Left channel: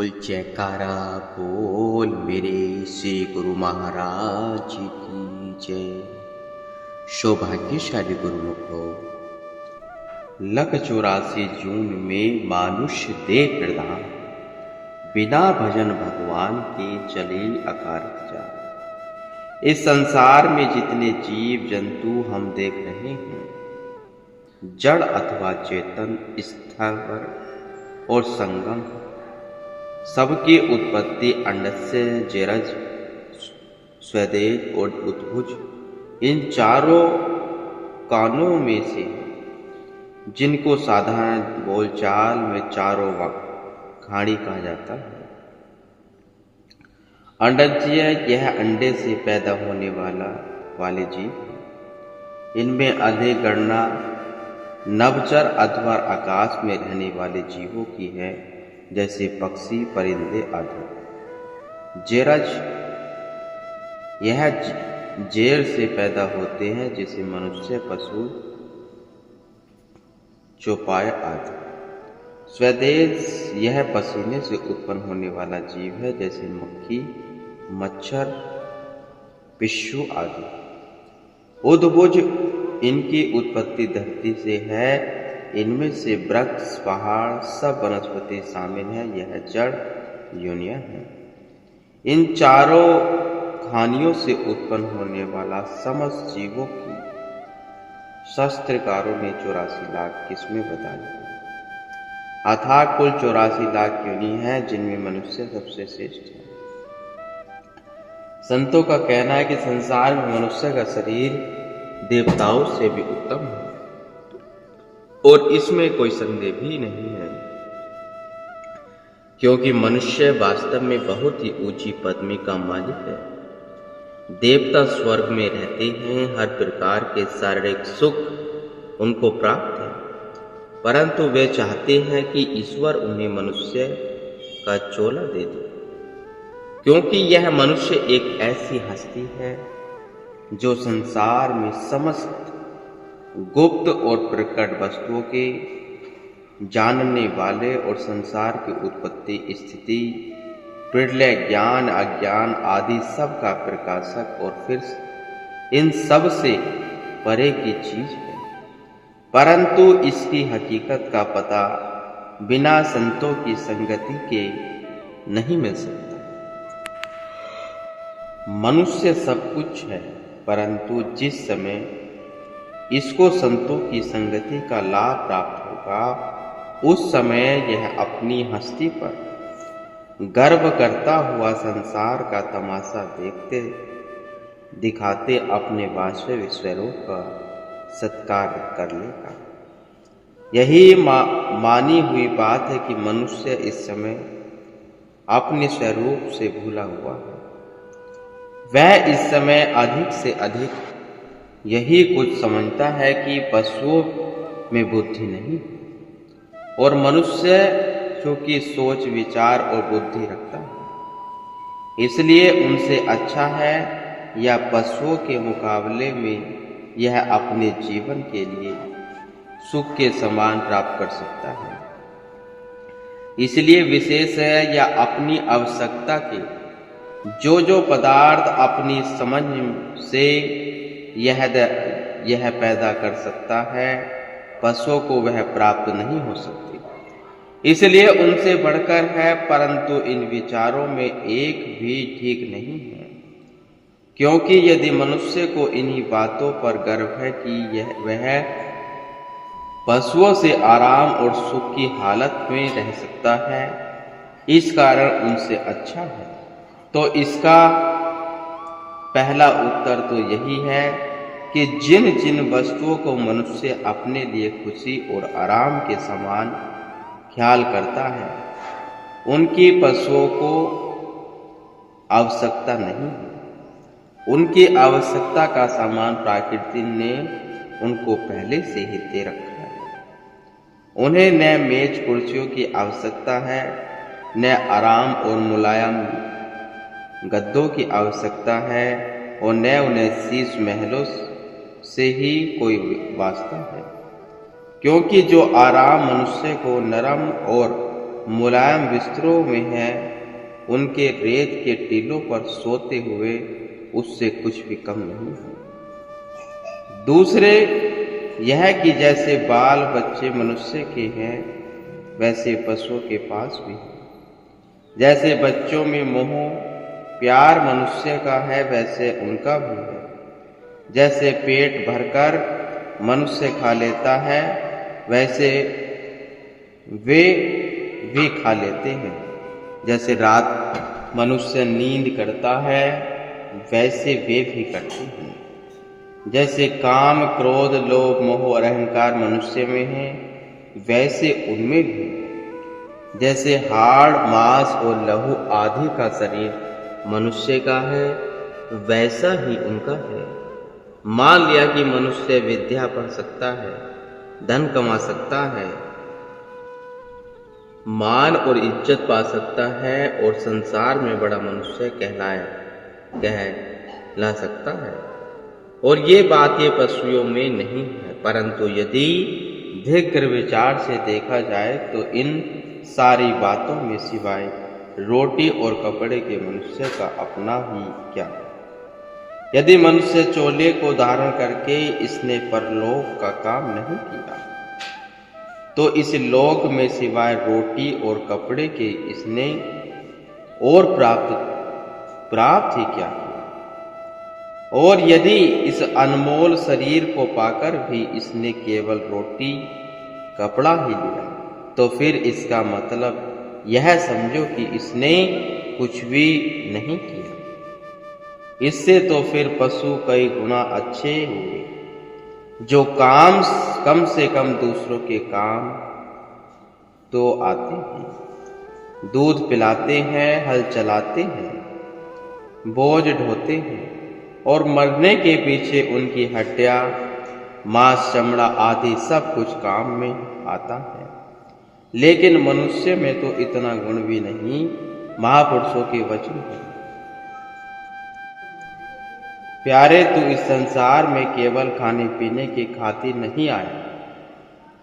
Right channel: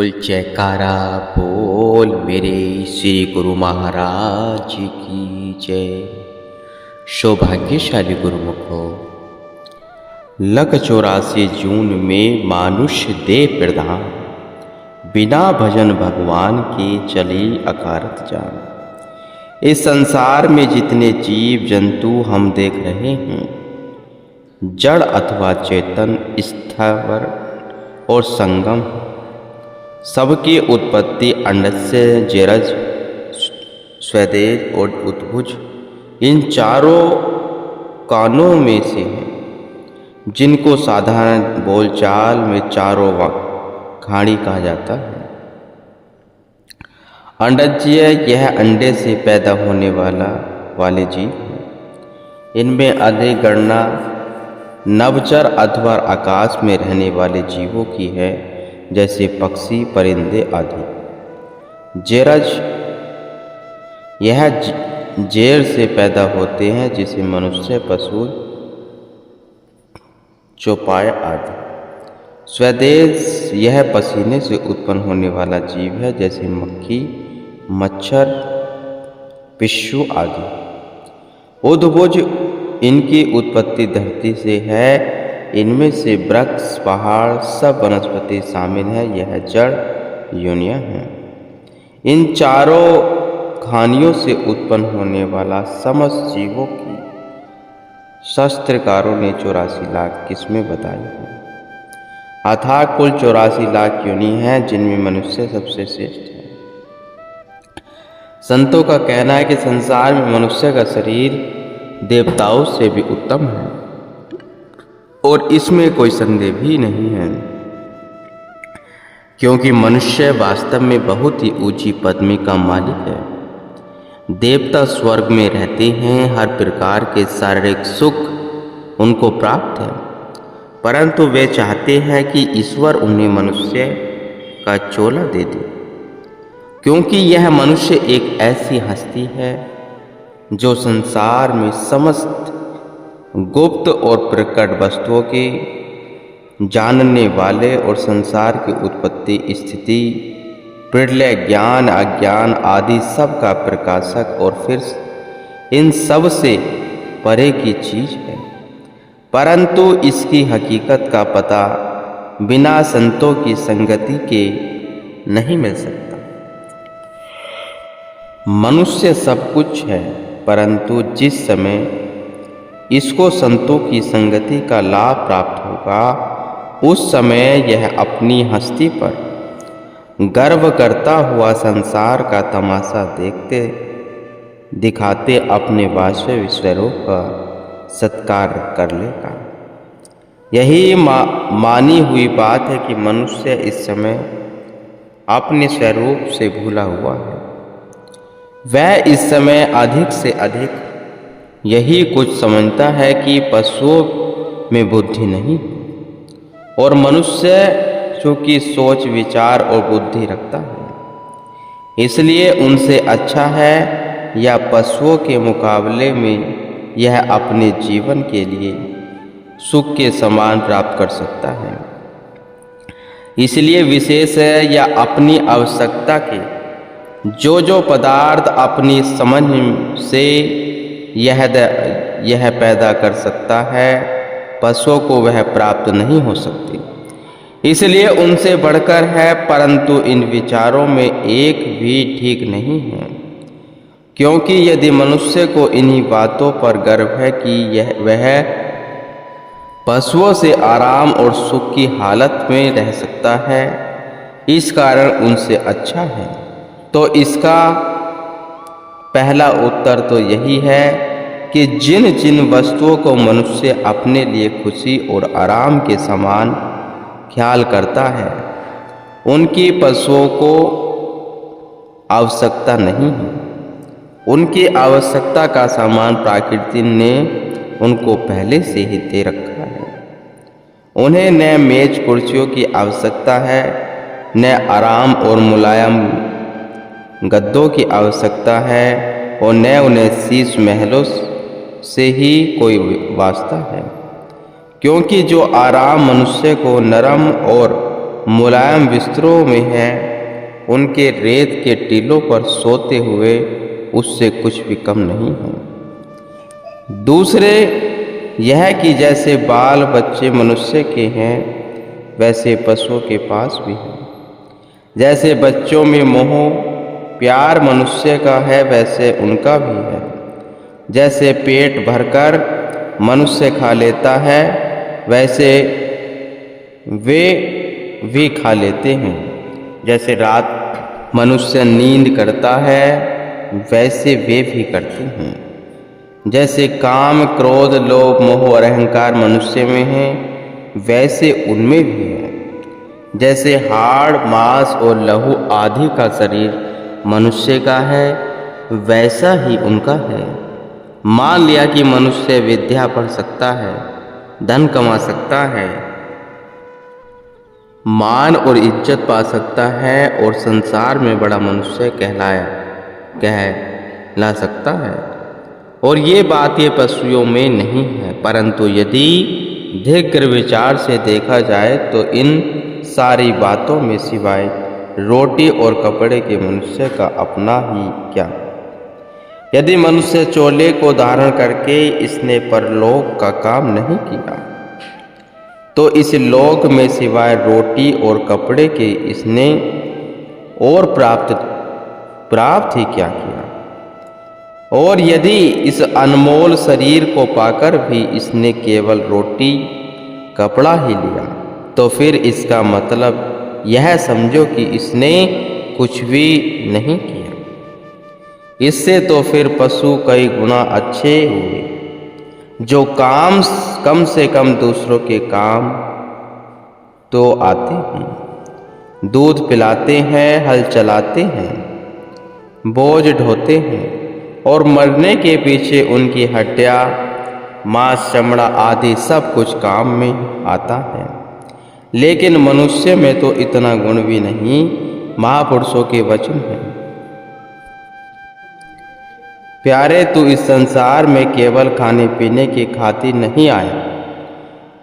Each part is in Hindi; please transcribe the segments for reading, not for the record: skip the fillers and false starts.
बोल जयकारा बोल मेरे श्री गुरु महाराज की जय। सौभाग्यशाली गुरुमुख हो। लग 84 जून में मानुष्य देह प्रधान, बिना भजन भगवान के चले अकारत जान। इस संसार में जितने जीव जंतु हम देख रहे हैं, जड़ अथवा चेतन, स्थावर और संगम, सबकी उत्पत्ति अंडस्य, जरज, स्वदेज और उद्भुज, इन चारों कानों में से है, जिनको साधारण बोलचाल में चारों खाड़ी कहा जाता है। अंडज्य, यह अंडे से पैदा होने वाले जीव हैं। इनमें अधिक गणना नभचर अथवा आकाश में रहने वाले जीवों की है, जैसे पक्षी, परिंदे आदि। जेरज, यह जेर से पैदा होते हैं, जिसे मनुष्य, पशु, चौपाया आदि। स्वदेश, यह पसीने से उत्पन्न होने वाला जीव है, जैसे मक्खी, मच्छर, पिस्सू आदि। उद्भुज, इनकी उत्पत्ति धरती से है। इनमें से वृक्ष, पहाड़, सब वनस्पति शामिल है। यह जड़ योनियां हैं। इन चारों खानियों से उत्पन्न होने वाला समस्त जीवों की शास्त्रकारों ने 84 लाख किस्में बताई हैं। अथाह कुल 84 लाख योनि हैं, जिनमें मनुष्य सबसे श्रेष्ठ है। संतों का कहना है कि संसार में मनुष्य का शरीर देवताओं से भी उत्तम है, और इसमें कोई संदेह भी नहीं है, क्योंकि मनुष्य वास्तव में बहुत ही ऊंची पदवी का मालिक है। देवता स्वर्ग में रहते हैं, हर प्रकार के शारीरिक सुख उनको प्राप्त है, परंतु वे चाहते हैं कि ईश्वर उन्हें मनुष्य का चोला दे दे, क्योंकि यह मनुष्य एक ऐसी हस्ती है जो संसार में समस्त गुप्त और प्रकट वस्तुओं के जानने वाले और संसार की उत्पत्ति, स्थिति, प्रलय, ज्ञान, अज्ञान आदि सब का प्रकाशक और फिर इन सब से परे की चीज है, परंतु इसकी हकीकत का पता बिना संतों की संगति के नहीं मिल सकता। मनुष्य सब कुछ है, परंतु जिस समय इसको संतों की संगति का लाभ प्राप्त होगा, उस समय यह अपनी हस्ती पर गर्व करता हुआ संसार का तमाशा देखते दिखाते अपने वास्तविक स्वरूप का सत्कार कर लेगा। यही मानी हुई बात है कि मनुष्य इस समय अपने स्वरूप से भूला हुआ है। वह इस समय अधिक से अधिक यही कुछ समझता है कि पशुओं में बुद्धि नहीं है, और मनुष्य चूंकि सोच, विचार और बुद्धि रखता है, इसलिए उनसे अच्छा है, या पशुओं के मुकाबले में यह अपने जीवन के लिए सुख के समान प्राप्त कर सकता है। इसलिए विशेष है, या अपनी आवश्यकता के जो पदार्थ अपनी समझ से यह पैदा कर सकता है, पशुओं को वह प्राप्त नहीं हो सकती, इसलिए उनसे बढ़कर है। परंतु इन विचारों में एक भी ठीक नहीं है, क्योंकि यदि मनुष्य को इन्हीं बातों पर गर्व है कि वह पशुओं से आराम और सुख की हालत में रह सकता है, इस कारण उनसे अच्छा है, तो इसका पहला उत्तर तो यही है कि जिन जिन वस्तुओं को मनुष्य अपने लिए खुशी और आराम के समान ख्याल करता है, उनकी पशुओं को आवश्यकता नहीं है। उनकी आवश्यकता का सामान प्रकृति ने उनको पहले से ही दे रखा है। उन्हें न मेज कुर्सियों की आवश्यकता है, न आराम और मुलायम गद्दों की आवश्यकता है, और न उन्हें शीश महलों से ही कोई वास्ता है, क्योंकि जो आराम मनुष्य को नरम और मुलायम बिस्तरों में हैं, उनके रेत के टीलों पर सोते हुए उससे कुछ भी कम नहीं हैं। दूसरे यह कि जैसे बाल बच्चे मनुष्य के हैं, वैसे पशुओं के पास भी हैं। जैसे बच्चों में मोह प्यार मनुष्य का है, वैसे उनका भी है। जैसे पेट भरकर मनुष्य खा लेता है, वैसे वे भी खा लेते हैं। जैसे रात मनुष्य नींद करता है, वैसे वे भी करते हैं। जैसे काम क्रोध लोभ मोह और अहंकार मनुष्य में है, वैसे उनमें भी है। जैसे हाड़ मांस और लहू आदि का शरीर मनुष्य का है, वैसा ही उनका है। मान लिया कि मनुष्य विद्या पढ़ सकता है, धन कमा सकता है, मान और इज्जत पा सकता है और संसार में बड़ा मनुष्य कहला सकता है, और ये बात ये पशुओं में नहीं है। परंतु यदि दीर्घ विचार से देखा जाए तो इन सारी बातों में सिवाय रोटी और कपड़े के मनुष्य का अपना ही क्या। यदि मनुष्य चोले को धारण करके इसने परलोक का काम नहीं किया, तो इस लोक में सिवाय रोटी और कपड़े के इसने और प्राप्त ही क्या किया। और यदि इस अनमोल शरीर को पाकर भी इसने केवल रोटी कपड़ा ही लिया, तो फिर इसका मतलब यह समझो कि इसने कुछ भी नहीं किया। इससे तो फिर पशु कई गुना अच्छे हुए, जो कम से कम दूसरों के काम तो आते हैं, दूध पिलाते हैं, हल चलाते हैं, बोझ ढोते हैं, और मरने के पीछे उनकी हड्डियां मांस चमड़ा आदि सब कुछ काम में आता है। लेकिन मनुष्य में तो इतना गुण भी नहीं। महापुरुषों के वचन हैं, प्यारे तू इस संसार में केवल खाने पीने की खातिर नहीं आया।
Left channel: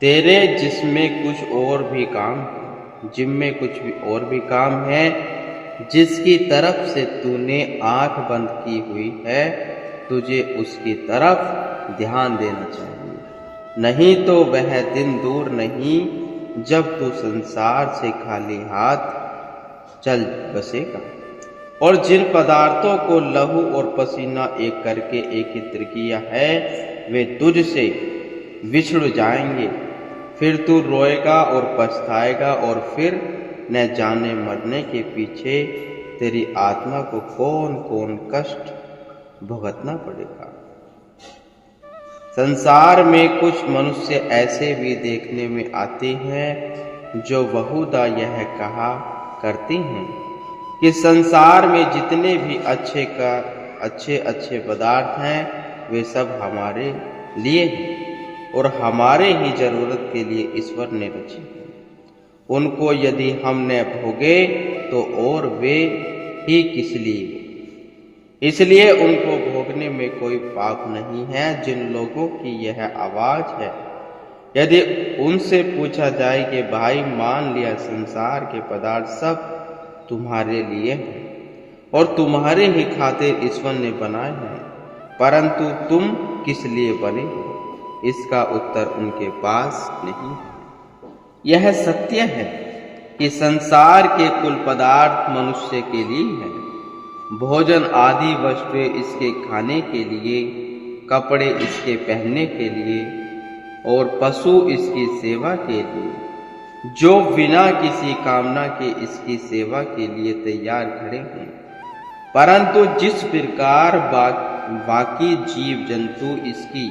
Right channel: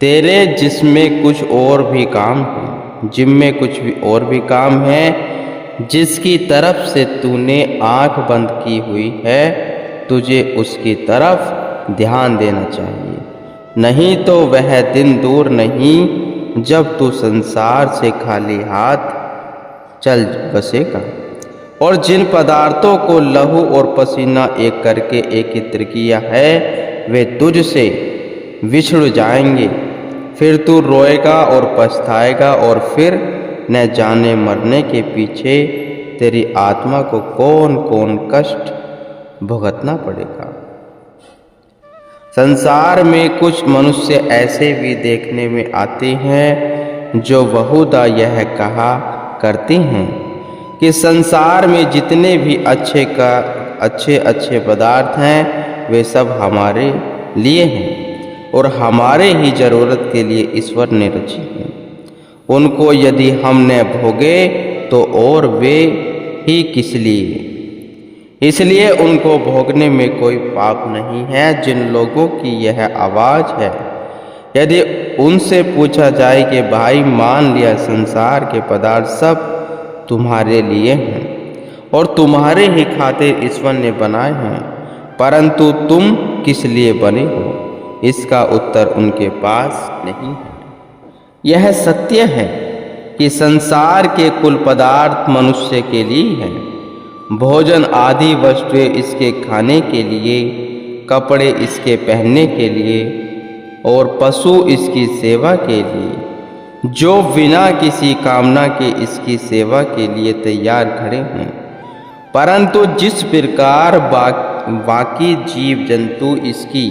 तेरे जिसमें कुछ और भी काम है, जिनमें कुछ भी और भी काम है, जिसकी तरफ से तूने आंख बंद की हुई है, तुझे उसकी तरफ ध्यान देना चाहिए। नहीं तो वह दिन दूर नहीं जब तू संसार से खाली हाथ चल बसेगा, और जिन पदार्थों को लहू और पसीना एक करके एकत्र किया है, वे तुझसे विछुड़ जाएंगे। फिर तू रोएगा और पछताएगा, और फिर न जाने मरने के पीछे तेरी आत्मा को कौन कौन कष्ट भुगतना पड़ेगा। संसार में कुछ मनुष्य ऐसे भी देखने में आते हैं जो बहुधा यह कहा करते हैं कि संसार में जितने भी अच्छे पदार्थ हैं, वे सब हमारे लिए हैं और हमारे ही जरूरत के लिए ईश्वर ने रची हैं। उनको यदि हम न भोगे तो और वे ही किस लिए। इसलिए उनको भोगने में कोई पाप नहीं है। जिन लोगों की यह आवाज़ है, यदि उनसे पूछा जाए कि भाई मान लिया संसार के पदार्थ सब तुम्हारे लिए हैं और तुम्हारे ही खातिर ईश्वर ने बनाए हैं, परंतु तुम किस लिए बने हो, इसका उत्तर उनके पास नहीं है। यह सत्य है कि संसार के कुल पदार्थ मनुष्य के लिए हैं। भोजन आदि वस्तुएं इसके खाने के लिए, कपड़े इसके पहनने के लिए और पशु इसकी सेवा के लिए, जो बिना किसी कामना के इसकी सेवा के लिए तैयार खड़े हैं। परंतु जिस प्रकार बाकी जीव जंतु इसकी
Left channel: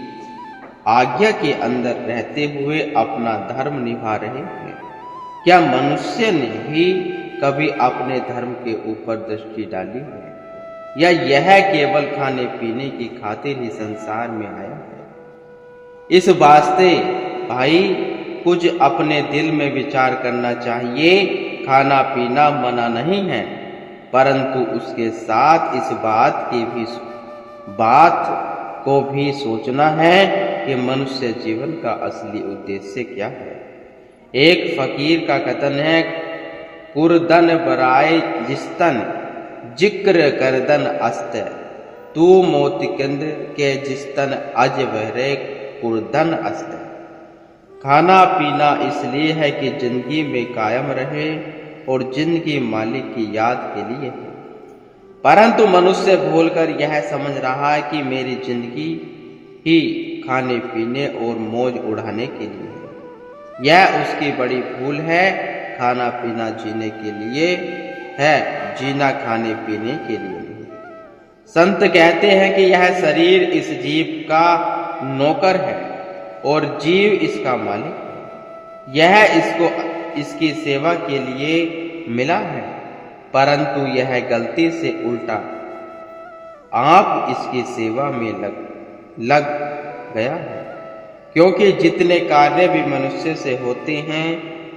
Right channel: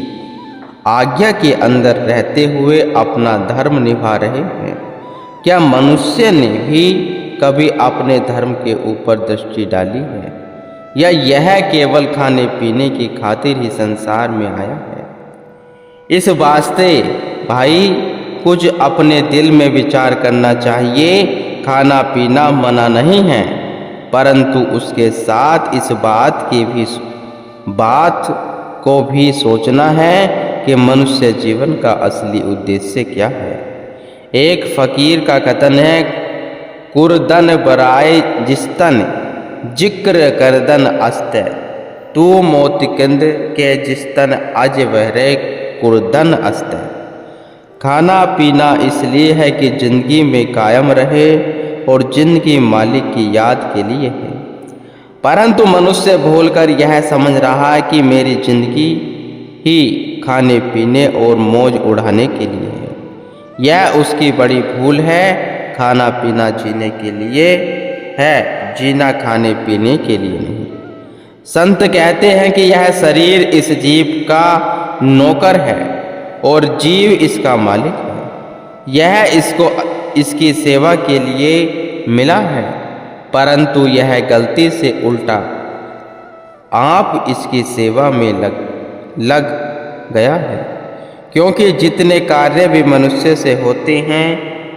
आज्ञा के अंदर रहते हुए अपना धर्म निभा रहे हैं, क्या मनुष्य ने भी कभी अपने धर्म के ऊपर दृष्टि डाली है, या यह केवल खाने पीने की खातिर ही संसार में आया है? इस वास्ते भाई कुछ अपने दिल में विचार करना चाहिए। खाना पीना मना नहीं है, परंतु उसके साथ इस बात को भी सोचना है कि मनुष्य जीवन का असली उद्देश्य क्या है। एक फकीर का कथन है, कुरदन बराए जिस्तन जिक्र करदन अस्ते, तू मोतिकंद के जिस्तन अज बहरे कुरदन अस्ते। खाना पीना इसलिए है कि जिंदगी में कायम रहे और जिंदगी मालिक की याद के लिए है, परंतु मनुष्य भूलकर यह समझ रहा है कि मेरी जिंदगी ही खाने पीने और मौज उड़ाने के लिए है। यह उसकी बड़ी भूल है। खाना पीना जीने के लिए है, जीना खाने पीने के लिए नहीं। संत कहते हैं कि यह शरीर इस जीव का नौकर है और जीव इसका मालिक है। यह इसको इसकी सेवा के लिए मिला है, परंतु यह गलती से उल्टा आप इसकी सेवा में लग गया है, क्योंकि जितने कार्य भी मनुष्य से होते हैं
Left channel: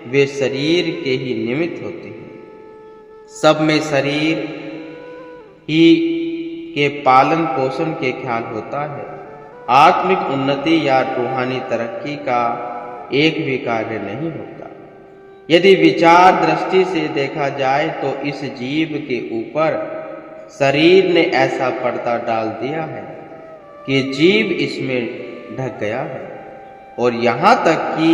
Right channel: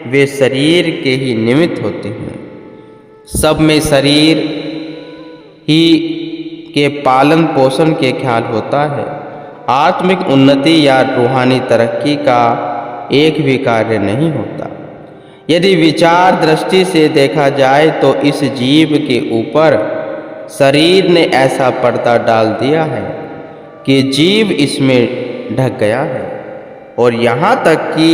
वे शरीर के ही निमित्त होते हैं। सब में शरीर ही के पालन पोषण के ख्याल होता है। आत्मिक उन्नति या रूहानी तरक्की का एक भी कार्य नहीं होता। यदि विचार दृष्टि से देखा जाए तो इस जीव के ऊपर शरीर ने ऐसा पर्दा डाल दिया है कि जीव इसमें ढक गया है और यहाँ तक कि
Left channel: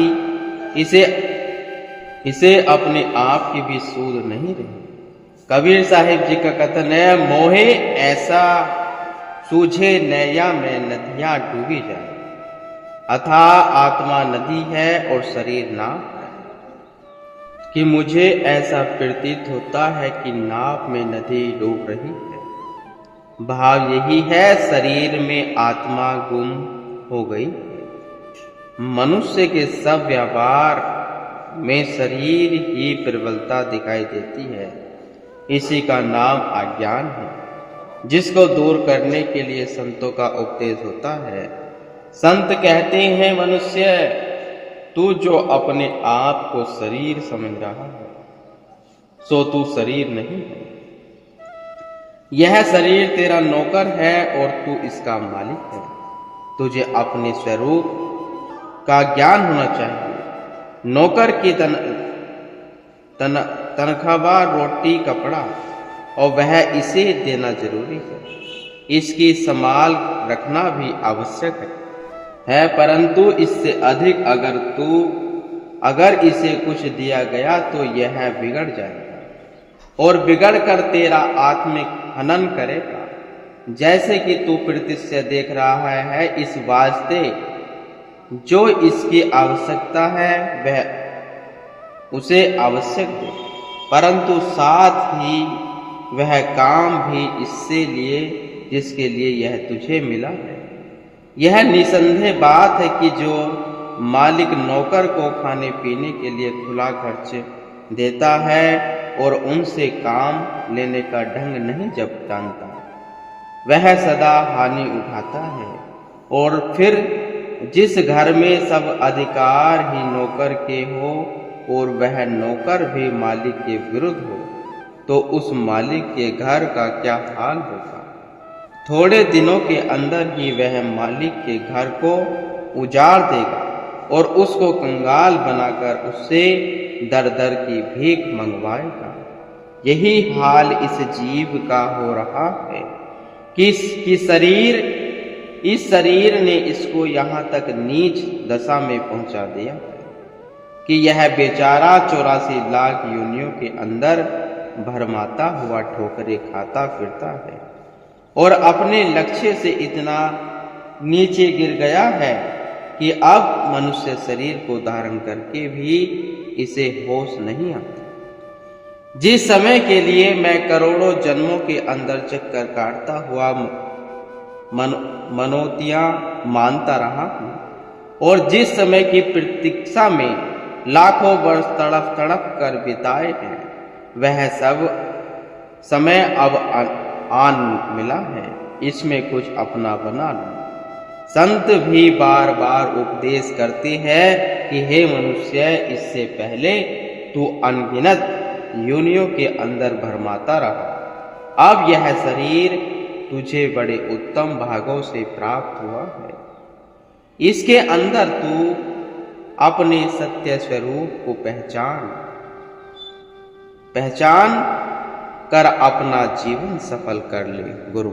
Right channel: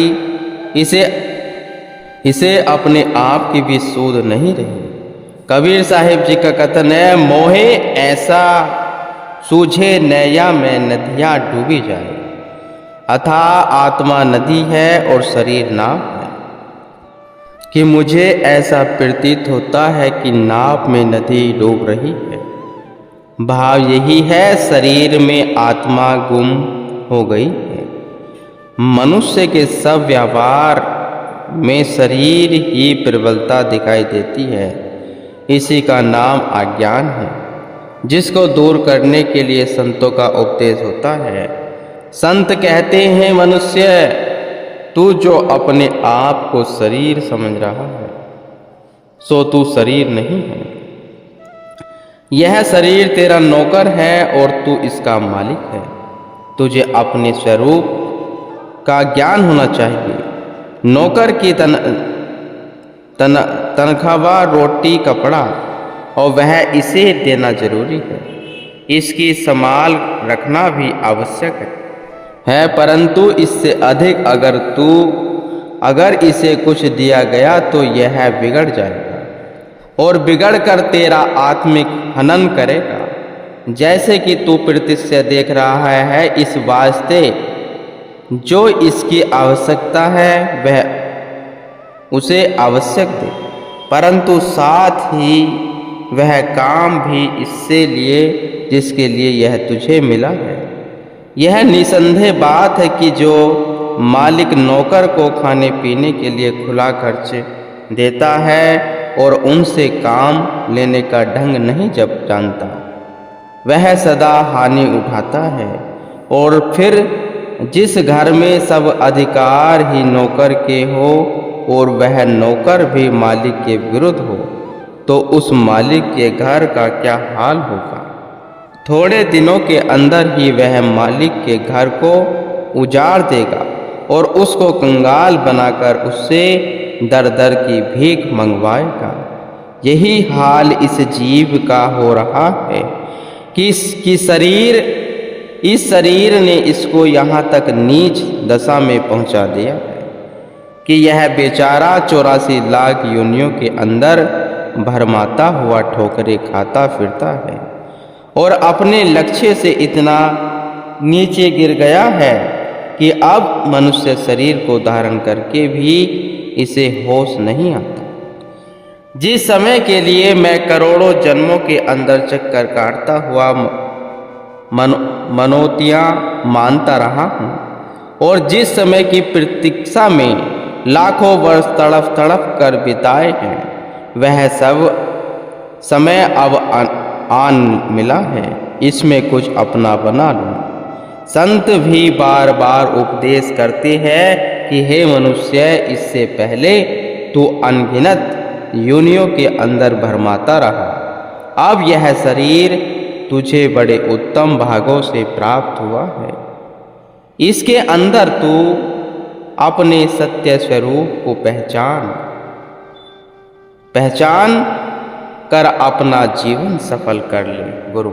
इसे अपने आप की भी सूझ नहीं रही। कबीर साहिब जी का कथन है, मोहे ऐसा सूझे नैया में नदियाँ डूबी जाए, अथा आत्मा नदी है और शरीर नाव है। कि मुझे ऐसा प्रतीत होता है कि नाव में नदी डूब रही है। भाव यही है, शरीर में आत्मा गुम हो गई है। मनुष्य के सब व्यवहार में शरीर ही प्रबलता दिखाई देती है। इसी का नाम अज्ञान है, जिसको दूर करने के लिए संतों का उपदेश होता है। संत कहते हैं, मनुष्य तू जो अपने आप को शरीर समझ रहा है सो तू शरीर नहीं है। यह शरीर तेरा नौकर है और तू इसका मालिक है। तुझे अपने स्वरूप का ज्ञान होना चाहिए। नौकर की तनख्वाह रोटी कपड़ा और वह इसे देना जरूरी है। इसकी संभाल रखना भी आवश्यक है, परंतु इससे अधिक अगर इसे कुछ दिया गया तो यह बिगड़ जाएगा और बिगड़ कर तेरा आत्मिक हनन करेगा। जैसे कि तू प्रत्यक्ष देख रहा है, इस वास्ते जो इसकी आवश्यकता है वह उसे आवश्यक दे, परंतु साथ ही वह काम भी इससे लिए जिसके लिए यह तुझे मिला है। यह निसंदेह बात है कि जो मालिक नौकर को खाने पीने के लिए खुला खर्च देता है और उनसे काम लेने का ढंग नहीं जब जानता, वह सदा हानि उठाता है। और फिर जिस घर में सब अधिकार ही नौकर के हो और वह नौकर भी मालिक के विरुद्ध हो, तो उस मालिक के घर का क्या हाल होगा। थोड़े दिनों के अंदर ही वह मालिक के घर को उजाड़ देगा और उसको कंगाल बनाकर उससे दर दर की भीख मंगवाएगा। यही हाल इस जीव का हो रहा है कि इस शरीर ने इसको यहाँ तक नीच दशा में पहुँचा दिया है कि यह बेचारा 84 लाख योनियों के अंदर भरमाता हुआ ठोकरें खाता फिरता है और अपने लक्ष्य से इतना नीचे गिर गया है कि अब मनुष्य शरीर को धारण करके भी इसे होश नहीं आता। जिस समय के लिए मैं करोड़ों जन्मों के अंदर चक्कर काटता हुआ मनोतियाँ मानता रहा हूँ और जिस समय की प्रतीक्षा में लाखों वर्ष तड़प तड़प कर बिताए हैं, वह सब समय अब आन मिला है। इसमें कुछ अपना बना लूं। संत भी बार बार उपदेश करते हैं कि हे मनुष्य, इससे पहले तू अनगिनत योनियों के अंदर भरमाता रहा। अब यह शरीर तुझे बड़े उत्तम भागों से प्राप्त हुआ है। इसके अंदर तू अपने सत्य स्वरूप को पहचान कर अपना जीवन सफल कर ले। गुरु